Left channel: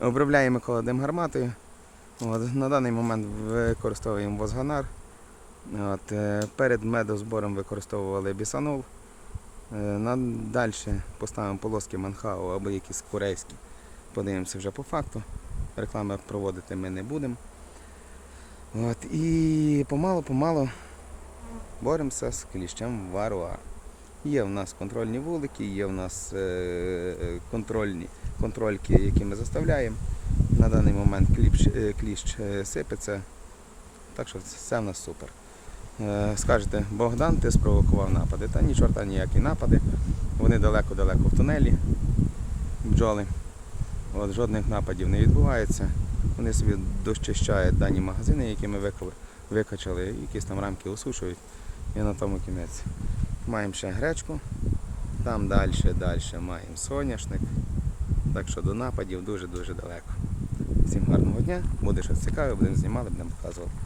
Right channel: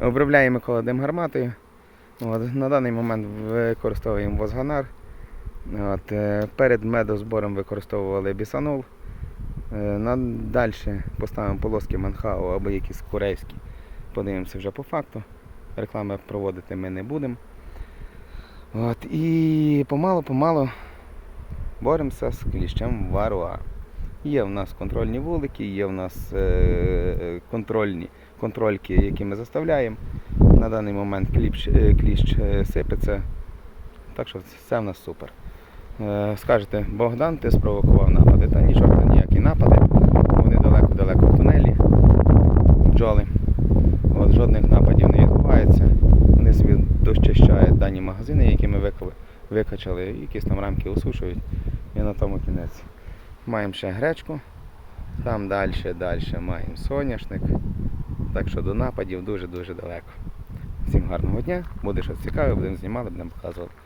Обробляємо колодим гарматою. От, на даний момент використовуємо возганар. От, е, перед медозбором використовували бісанол. Е, далі поставимо полоски манхау або якісь корейські. Подивимося вже по факту. Реклами проводити ми не будемо. І помалу-помалу боремося з кліщем варуа. Є в нас контрольні вулики, є в нас е, е, контрольні контрольки, які ми заставляємо. На даний момент кліщ, е, кліщ е, сипеться. Так що все в нас супер. Скажете, Богдан, ти спровокував напади. Та ні, чорта ніякі напади. Вони далеко-далеко в тунелі, бджоли. От, жодних нападів не відбувається. Вони собі дощищають дані магазини, які ми викачали, якісь там рамки осушують. І на тому кінець. Маємо ще гречку, там далі, далі маємо соняшник. Так що до нападів дуже-дуже далеко. Всім гарного дня. Буде щось цікаве, будемо знімати, будемо показувати.